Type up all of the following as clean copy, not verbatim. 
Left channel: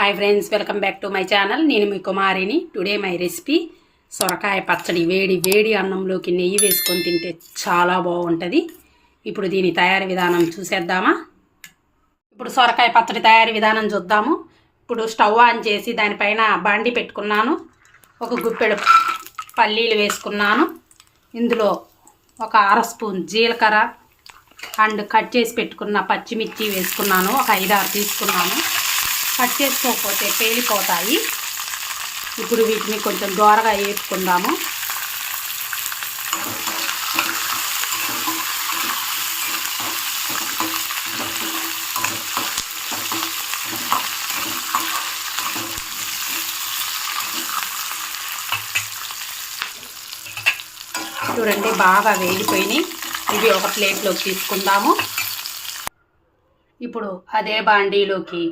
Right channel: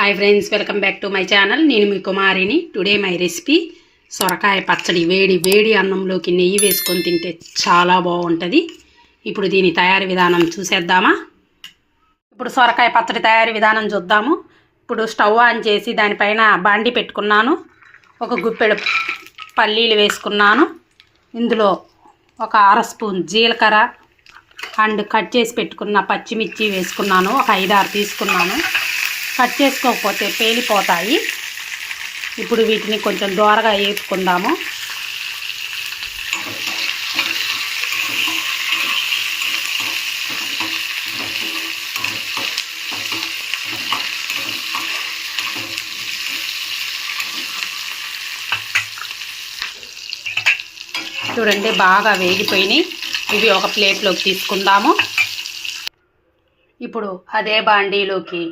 Hi friends, welcome back to my channel. నేను మీ కుమారిని. Today my recipe సొరకాయ పచ్చడి. వేడి వేడి అన్నంలోకి నెయ్యి వేసుకొని తింటే చాలా బాగుంటుంది. ఇప్పుడు దీని తయారీ విధానం చూసేద్దామా? ఇప్పుడు సొరకాయ పచ్చడి తయారీ విధానం చూద్దాము. ఇప్పుడు స్టవ్ ఆన్ చేసి దానిపైన బాండి పెట్టుకున్నాను. ఒక గుప్పెడు పల్లీలు వేసుకున్నాను. ఇందులో ఒక అర స్పూన్ జీలకర్ర అండ్ కట్ చేసి పెట్టుకున్న పచ్చిమిర్చి వేసుకున్నాను. ఒక 5-6 తీసుకున్నాను. కట్ చేసుకోకపోతే పేలిపోతాయి. ఇప్పుడు వీటిని కొంచెం దోరగా వేపుకుందాము. చూడండి, బాగా వేగిపోయినాయి. ఇవి ఒక ప్లేట్లోకి తీసుకుందాము. ఇప్పుడు అదే బాండీలోకి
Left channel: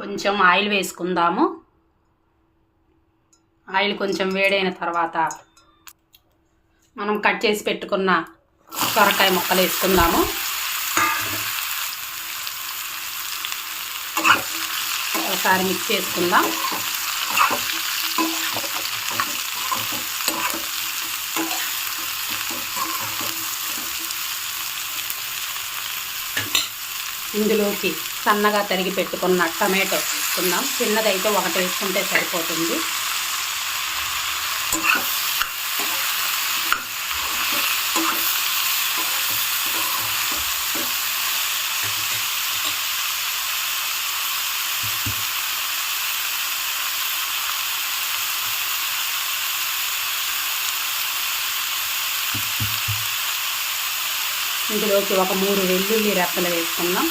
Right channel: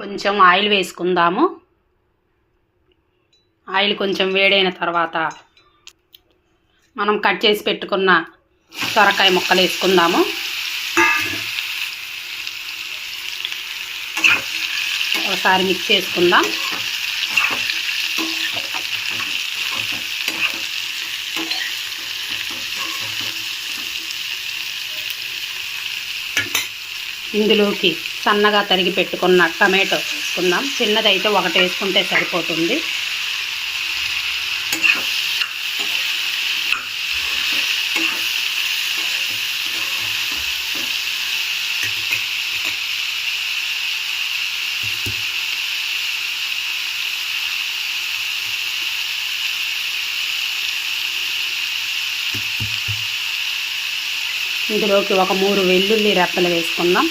కొంచెం ఆయిల్ వేసుకుందాము. ఆయిల్ కొంచెం వేడైన తర్వాత మనం కట్ చేసి పెట్టుకున్న సొరకాయ ముక్కలు వేసుకుందాము. ఒకసారి మిక్స్ చేసుకుందాం. ఇందులోకి సన్నగా తరిగి పెట్టుకున్న టమాటో వేసుకుందాం. చిన్నదైతే ఒకటి వేసుకుంటే సరిపోతుంది. ఇందులోకి ఒక 3 వెల్లుల్లి రెప్పలు వేసుకుందాం.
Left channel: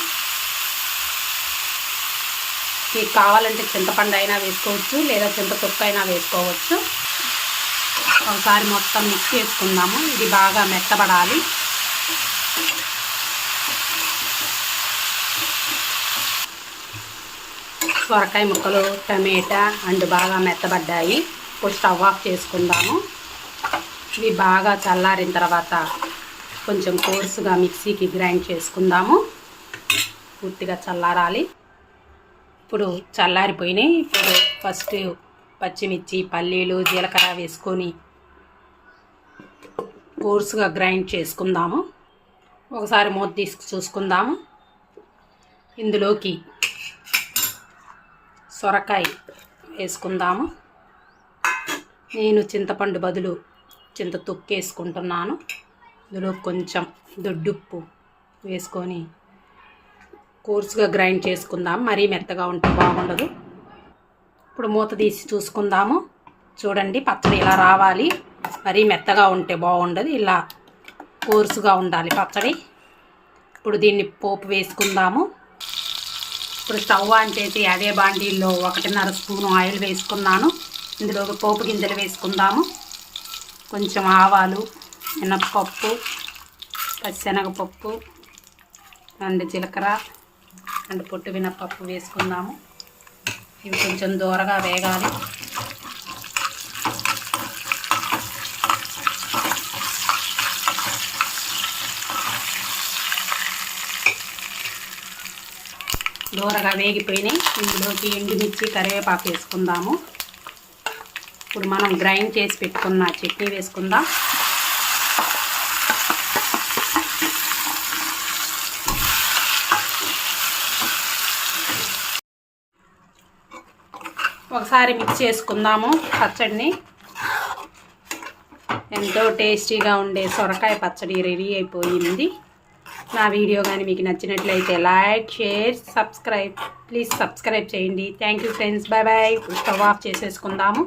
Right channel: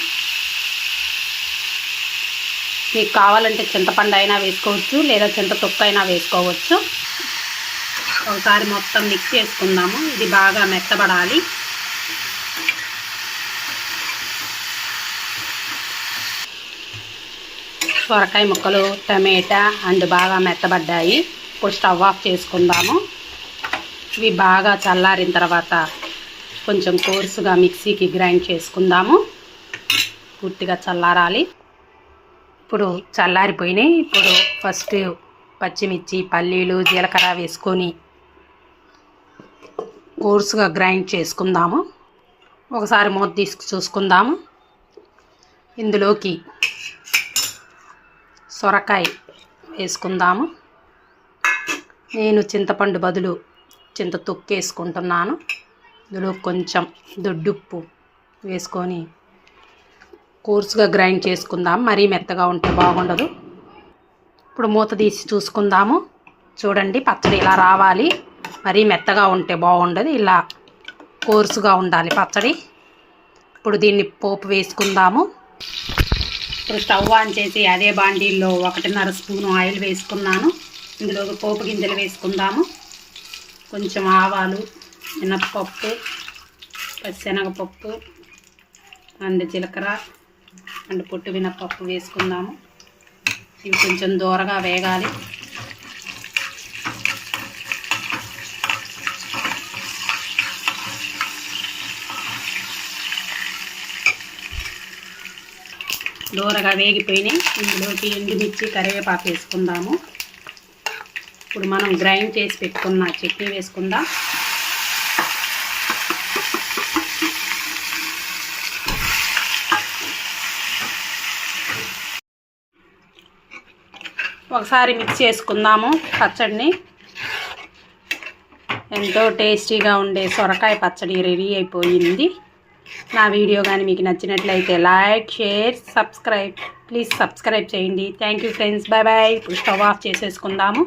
మీకు కావాలంటే చింతపండు అయినా వేసుకోవచ్చు, లేదా చింతతొక్కు అయినా వేసుకోవచ్చు. ఒకసారి మొత్తం మిక్స్ చేసుకుందాము. ఇది బాగా మెత్తబడాలి. సొరకాయ ముక్కలు, టమాటా అండ్ బాగా మెత్తబడ్డాయి. ఇప్పుడు స్టవ్ ఆఫ్ చేసుకుందాము. ఇవి బాగా చల్లారిన తర్వాత కొంచెం కోర్సుగా మిక్సీకి గ్రైండ్ చేసుకుందాము. పూర్తిగా చల్లారాలి. ఇప్పుడు చల్లారిపోయినాయి. ఇప్పుడు ఫస్ట్ పచ్చిమిర్చి, పల్లీలు, జీలకర్ర వేసుకొని కోర్సుగా గ్రైండ్ చేసుకుందాము. ఒకసారి మూత తీసి చూసుకుందాము. ఇందులోకి సొరకాయ వేసుకుందాము. నేను చింతపండు బదులు చింతతొక్కు వేసుకుంటున్నాను. ఇందులో కొంచెం దొడ్డుప్పు వేసుకొని కోర్సుగా గ్రైండ్ చేసుకుందాం. మరీ మెత్తగా ఉంటే బాగుండదు. ఇప్పుడు మూత తీసి చూసుకుందాము. చూడండి, పచ్చడి ఇలా రావాలి. మరీ మెత్తగా ఉంటే బాగుండదు. ఇలా కోర్సుగా ఉండాలి పచ్చడి. ఇప్పుడు దీన్ని పోపు వేసుకుందాము. ఇప్పుడు స్టవ్ ఆన్ చేసి అదే బాండీల్లో 1.5 స్పూను ఆయిల్ వేసుకున్నాను. ఇందులో పోపు గింజలు వేసుకుందాము. కొంచెం ఆవాలు, మినప్పప్పు, పచ్చెనగపప్పు అండ్ జీలకర్ర అండ్ పొట్టు మినప్పప్పు వేసుకుందాము. ఇవి కొంచెం దూరగా వేగాలి. దూరగా వేగిపోయినాయి. ఇందులోకి ఎండుమిర్చి, కరివేపాకు వేసుకుందాము. ఇప్పుడు మనం గ్రైండ్ చేసి పెట్టుకున్న చట్నీ వేసుకుందాం. ఒకసారి మిక్స్ చేసుకుందాము పచ్చడిని. ఎంతో టేస్టీగా ఉండే సొరకాయ పచ్చడి రెడీ అయిపోయింది. నా వీడియో కానీ మీకు నచ్చినట్లయితే like, share, subscribe. Please subscribe చేయండి. Thank you friends. Bye bye. ఇప్పుడు స్టవ్ ఆఫ్ చేసేసుకుందాము.